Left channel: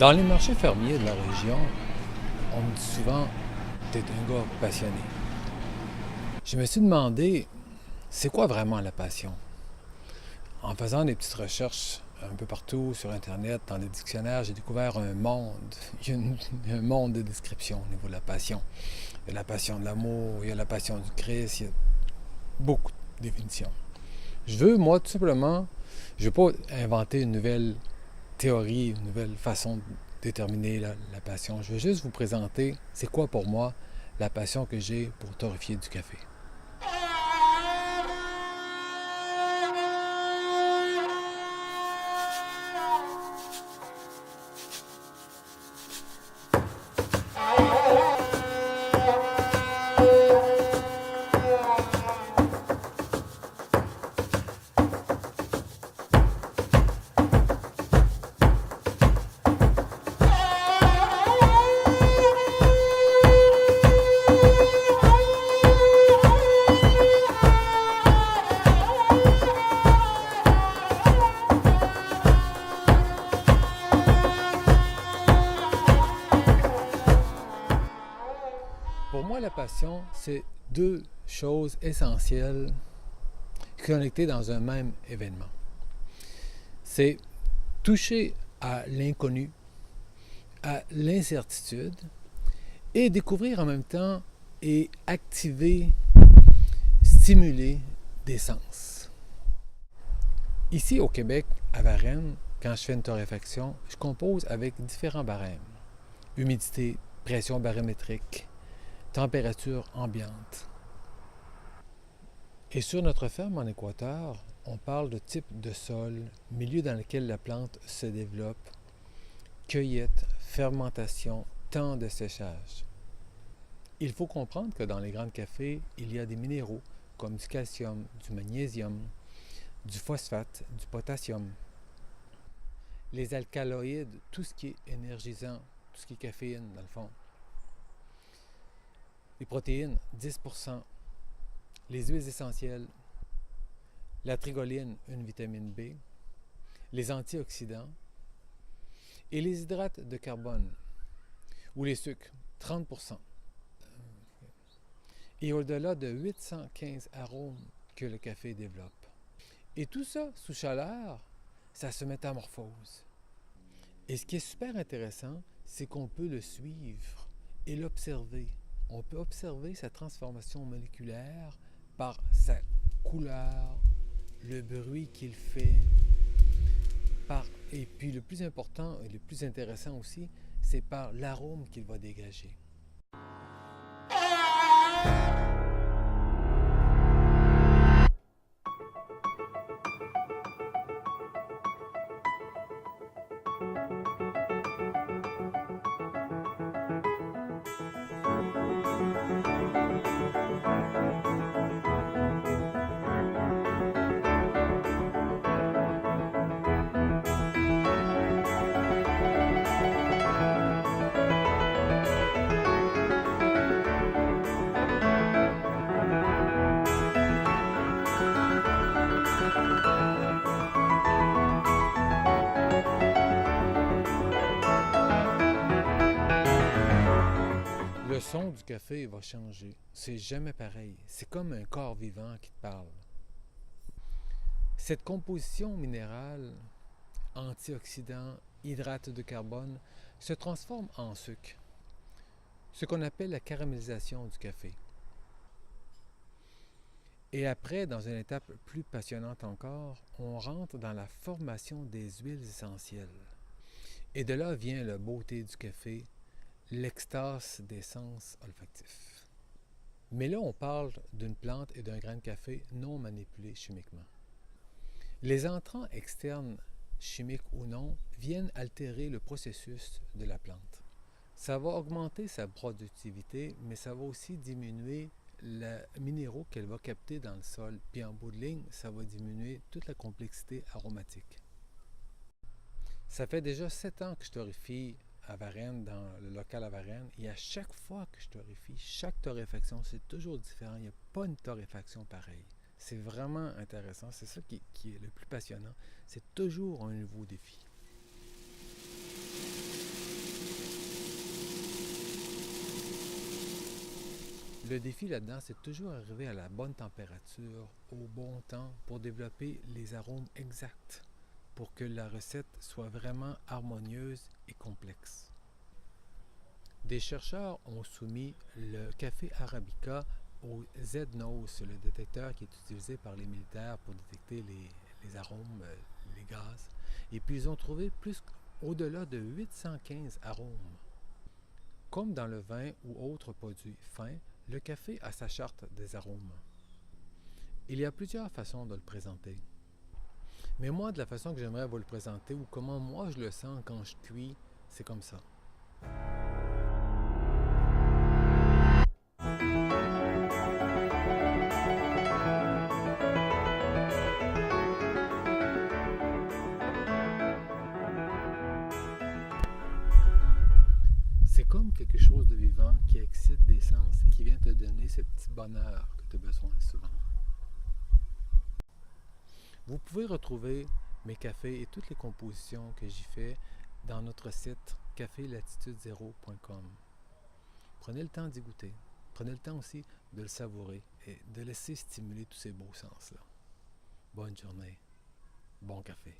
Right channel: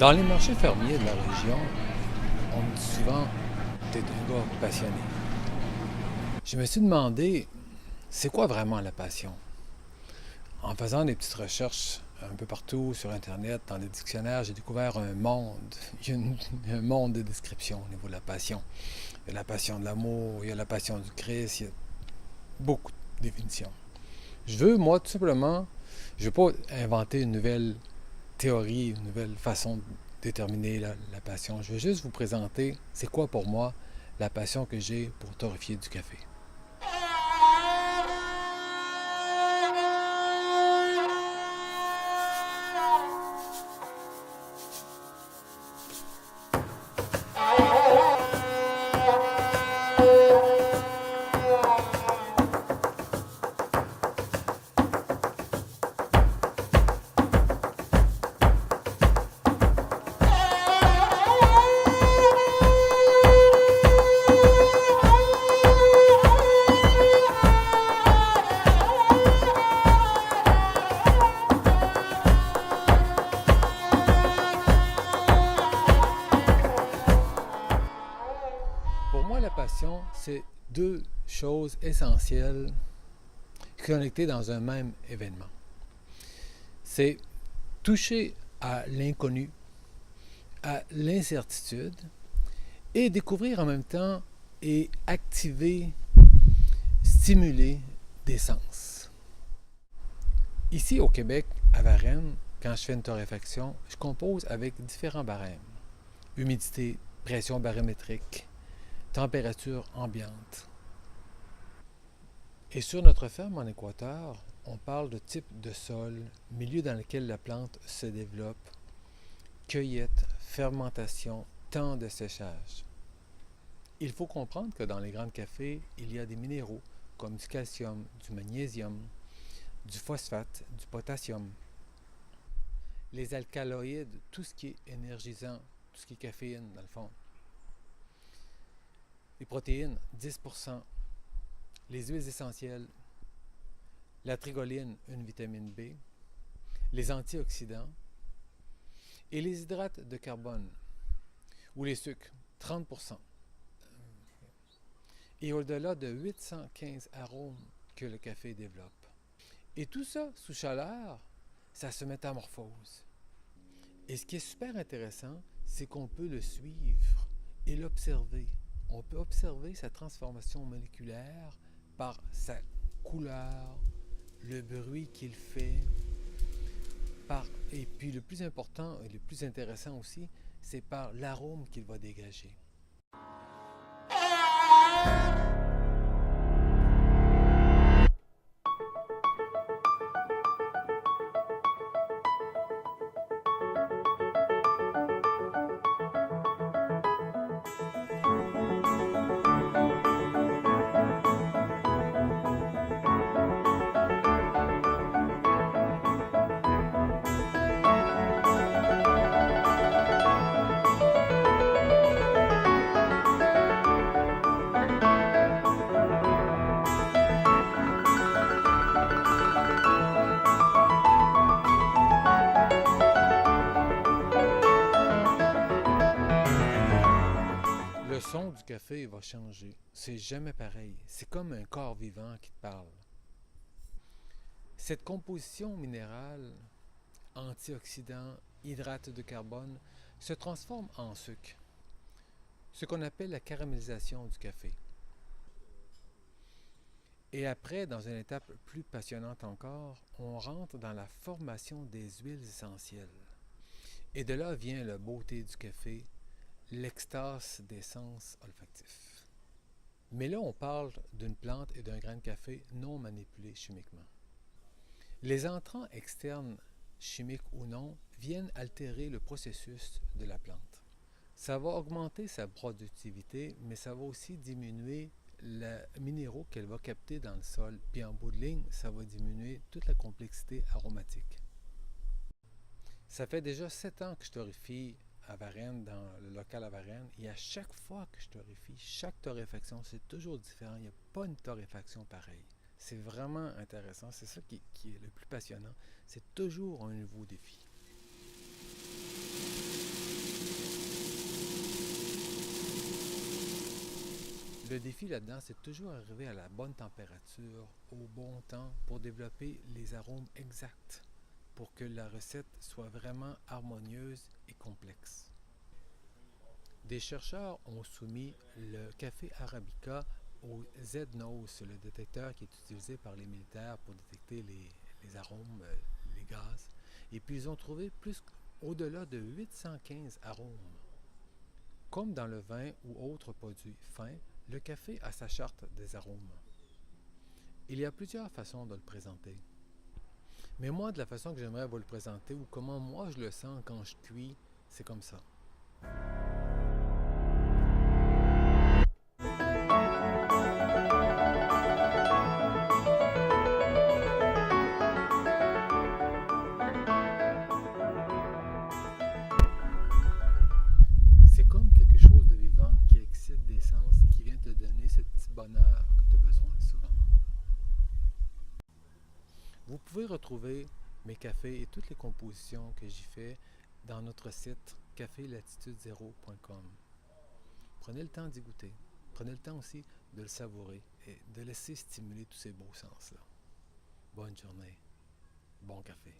Dans les marchés fermiers de la région, on me dit souvent t'es un gars passionné. Je me suis demandé, c'est quoi vraiment la passion? En faisant des petites recherches un peu partout sur Internet, dans les dictionnaires, j'ai découvert un monde. Il y a un monde de descriptions au niveau de la passion. Il y a la passion de l'amour, il y a la passion du Christ, il y a beaucoup de définitions. Je veux, moi, tout simplement, je ne veux pas inventer une nouvelle théorie, une nouvelle façon de déterminer la passion. Je veux juste vous présenter c'est quoi pour moi la passion que j'ai pour torréfier du café. Pour moi, la passion, c'est deux choses essentielles connectées dans un même événement. C'est toucher à l'inconnu, à l'incertitude et découvrir en même temps et activer, stimuler des sens. Ici au Québec, à Varennes, quand je fais une torréfaction, je compose avec différents barèmes. Humidité, pression barométrique, température ambiante. Et sur notre ferme en Équateur, on parle de type de sol, milieu dans lequel la plante se développe, cueillette, fermentation, temps de séchage. Il faut comprendre que dans les grands cafés, il y a des minéraux comme du calcium, du magnésium, du phosphate, du potassium. Les alcaloïdes, tout ce qui est énergisant, tout ce qui est caféine dans le fond. Les protéines, 10%. Les huiles essentielles, la trigoline, une vitamine B, les antioxydants et les hydrates de carbone ou les sucres, 30%. Et au-delà de 815 arômes que le café développe. Et tout ça, sous chaleur, ça se métamorphose. Et ce qui est super intéressant, c'est qu'on peut le suivre et l'observer. On peut observer sa transformation moléculaire par sa couleur, le bruit qu'il fait, et puis le plus important et le plus intéressant aussi, c'est par l'arôme qu'il va dégager. Le son du café va changer. C'est jamais pareil. C'est comme un corps vivant qui te parle. Cette composition minérale, antioxydants, hydrates de carbone, se transforme en sucre, ce qu'on appelle la caramélisation du café. Et après, dans une étape plus passionnante encore, on rentre dans la formation des huiles essentielles. Et de là vient la beauté du café, l'extase des sens olfactifs. Mais là, on parle d'une plante et d'un grain de café non manipulé chimiquement. Les entrants externes, chimiques ou non, viennent altérer le processus de la plante. Ça va augmenter sa productivité, mais ça va aussi diminuer les minéraux qu'elle va capter dans le sol. Puis en bout de ligne, ça va diminuer toute la complexité aromatique. Ça fait déjà 7 ans que je torréfie à Varennes, dans le local à Varennes, et à chaque fois que je torréfie, chaque torréfaction, c'est toujours différent. Il n'y a pas une torréfaction pareille. C'est vraiment intéressant. C'est ça qui est le plus passionnant. C'est toujours un nouveau défi. Le défi là-dedans, c'est toujours arriver à la bonne température, au bon temps, pour développer les arômes exacts, pour que la recette soit vraiment harmonieuse et complexe. Des chercheurs ont soumis le café arabica au Z-Nose, le détecteur qui est utilisé par les militaires pour détecter les arômes, les gaz. Et puis ils ont trouvé au-delà de 815 arômes. Comme dans le vin ou autres produits fins, le café a sa charte des arômes. Il y a plusieurs façons de le présenter. Mais moi, de la façon que j'aimerais vous le présenter ou comment moi je le sens quand je cuis, c'est comme ça. C'est comme quelque chose de vivant qui excite des sens et qui vient te donner ce petit bonheur que tu as besoin souvent. Vous pouvez retrouver mes cafés et toutes les compositions que j'y fais dans notre site cafélatitude0.com. Prenez le temps d'y goûter. Prenez le temps aussi de le savourer et de laisser stimuler tous ces beaux sens-là. Bonne journée. Bon café.